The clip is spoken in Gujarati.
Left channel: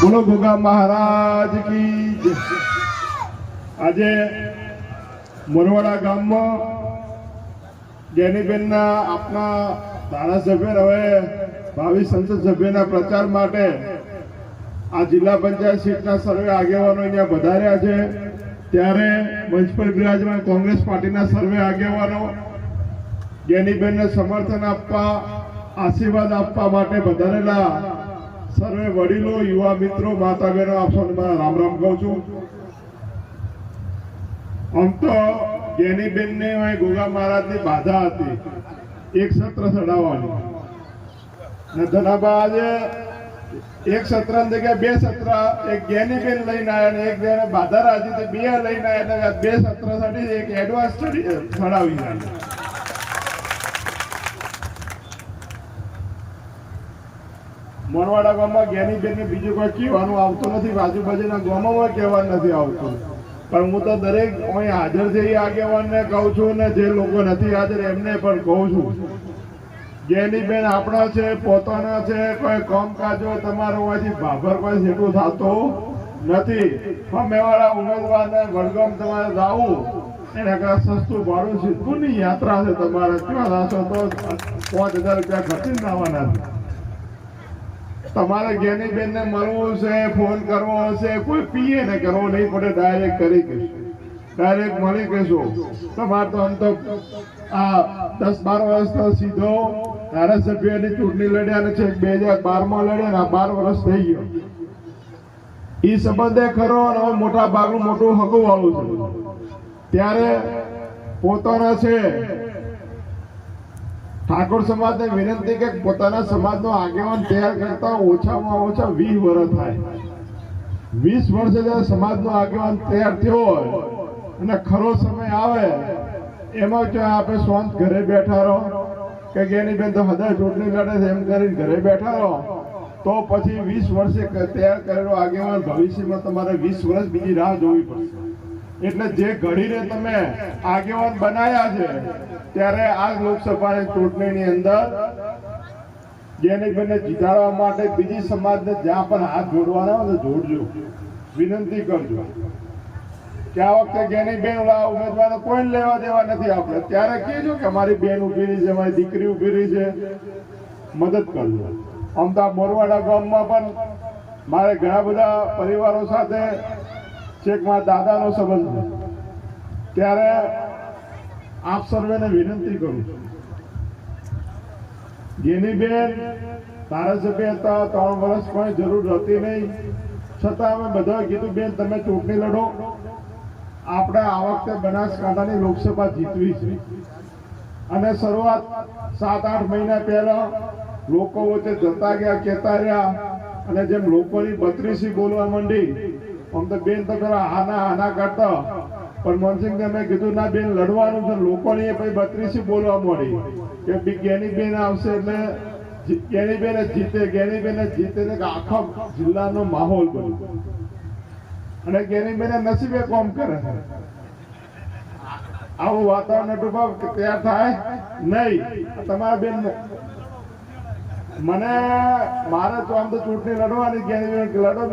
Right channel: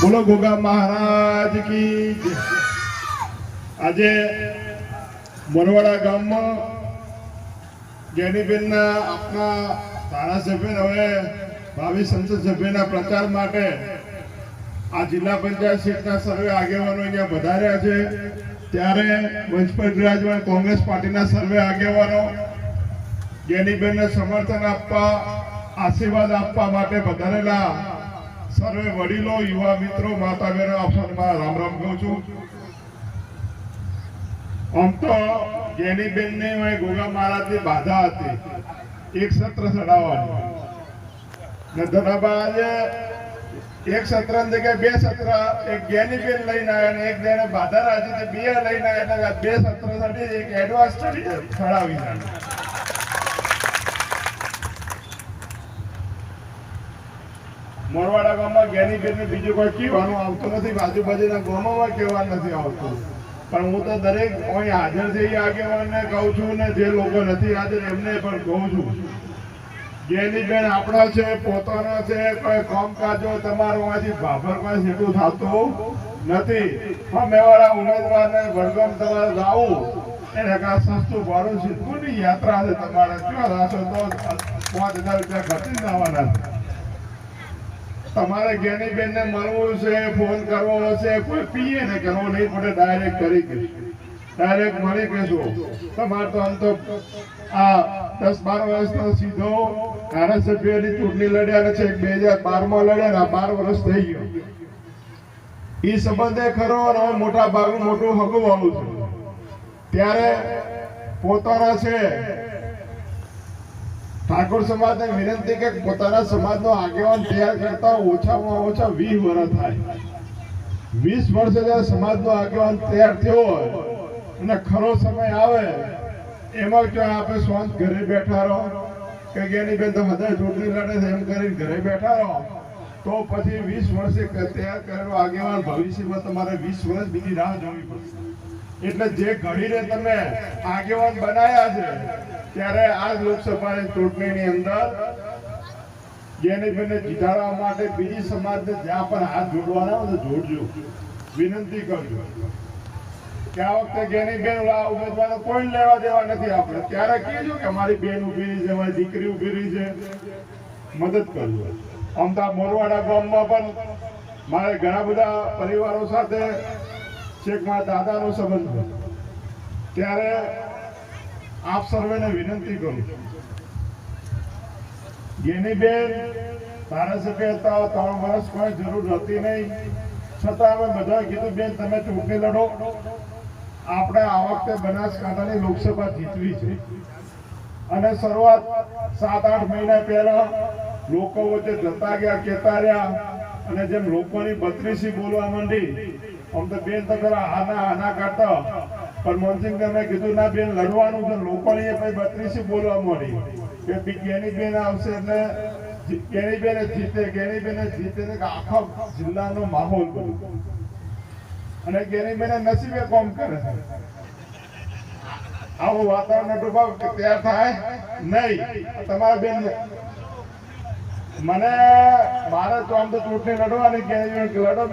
બોલો ગોગા મહારાજ કી આજે મોરવાડા ગામમાં જેનીબેનના આપણા ધારાસભ્ય હવે ભાવિ સંસદ સભ્યના પ્રચાર માટે આ જિલ્લા પંચાયત સીટના સર્વે આગેવાનો અહીંયા વધાર્યા છે. ત્યારે મંચ પર બિરાજમાન કોંગ્રેસ પાર્ટીના સર્વે આગેવાનો જેનીબેનને સમર્થન આપવા, આશીર્વાદ આપવા માટે વધારેલા સર્વે વડીલો, યુવા મિત્રો માતા બહેનો આપ સૌને રામ રામ કહું છું. આમ તો જેનીબેનને અહીં ગોગા મહારાજની બાધા હતી. એક સત્ર ચડાવવાની. એક સત્ર બે સત્ર, એક જ્ઞાનીબેન લઈને આવ્યા અને એક જેને બાધા રાજી, તે બે લઈને આવ્યા બે સત્ર સાથે એક એડવાન્સ ચડાવી મોરવાડા ગામમાં જ્ઞાનીબેન બીજું કોઈ કહેવાનું આવતું નથી આજુબાજુના ગામોમાં કહેવા નથી આવતું. પણ હું તો દરેક અહીં હાજર છે એ આગેવાનને કહું છું ને જે લોકો નથી હાજર એમને પણ કહું છું. જ્ઞાનીબેન આપણો છે, પોતાનો છે, કોઈ કામકાજો તમારું માંથી ભાભર કોઈ સીધું થતું નથી. સામેવાળા ઉમેદવારને વડગામ તમારે જાવું એને સસ્તું ભાડું કોની યાત્રા છે તમારે? ક્યાં રાશો તો પાંચ હજાર રૂપિયા ઘટી આવવાના છે. તમારે જ્ઞાનીબેન ને મળવું છે, ફોન કરવો છે, કોઈ પીએ ને કરવો નહીં પડે ડાયરેક્ટ કરી કહેશું. ડાયરેક્ટ મળી કહેશું. તો મારે તો આ દસ બાર વર્ષ તો સીધો ધારાસભ્યની ચૂંટણી લડ્યા છે બે હજાર બારમાં લડ્યા ને આ બાર વર્ષ થઈ ગયો. એ સંબંધે ખરો અને મોટા ભાગનું મોટું હગું વાળું છે. ત્યારે પોતાના છે ઠાકોર સમાજને વિનંતી કે પોતાના સમાજનો આગેવાન તૈયાર કરતા ઓછામાં ઓછા વીસ વર્ષ થાય. વીસ વર્ષે જ્યારે સમાજનો આગેવાન તૈયાર થયો હોય અને ખરો સમય આવે, એમાં જો આપણે શાંત ઘરે બેઠા રહો, કે એની બેન તો હદાય ચૂંટણી લડે છે એમ કરીને ઘરે બેઠા રહો, તો પછી વીસ વર્ષે તૈયાર કરેલો આગેવાન ભવિષ્યમાં તમારે વીસ વર્ષ બીજી રાહ જોવી પડશે. એટલે જે ઘડીને તમે આગેવાન બનાયા છે, ત્યારે આ લોકસભાની ચૂંટણીની અંદર જેને બેને જીતાડવા માટે બીજી સમાજને જ્યાં પણ હાથ જોડવાના હોય જોડજો. વિનંતી કરજો. ત્યાં વખતે જેની બેન ઉમેદવારો કોઈ લેવા દેવા નથી આપણે. ત્યારે કહેજો કે મારી બેન ઊભી રહી છે મારી દીકરી ઊભી રહી છે. મદદ કરજો. અમદાવાદ મોરવાડા ગામમાં પણ મારે ઘણા બધા પરિવારો સાથે છેક મારા દાદાનો સંબંધ ત્યારે આપ સર્વેને વિનંતી કરું ગેનીબેન ધારાસભ્ય હતા, ત્રણ વર્ષ કોઈ જરૂર હતી નહીં. છતાં અમે બધા કીધું, બેન, તમે ચૂંટણી લડો. આપણે આ વખતે બનાસકાંઠાની લોકસભા જીતવી છે. અને શરૂઆત સાત આઠ મહિના પહેલા લોકો વચ્ચે જતા ગયા, કહેતા રહ્યા અને જેમ લોકોની બત્રીસી બોલવા માંડી, આમ તો બેન તો ખરા આના આના કાઢતા પણ મનસિંહ મેં કીધું, ના બેન, લડવાનું છે. લોકોની પછી બત્રીસી બોલવા મળી કે બી બેન આવશે એટલે જી- બેને જીતે, ગેની બેન જ જીતે આખો જિલ્લાનો માહોલ બન્યો. અને ગેની બેને નસીબે કોમ કરે. છે આવું વાતાવરણ તૈયાર થાય? નહીં. તમારા બેન મને મારે તો આમ તો ચૂંટણી લડવાની લડો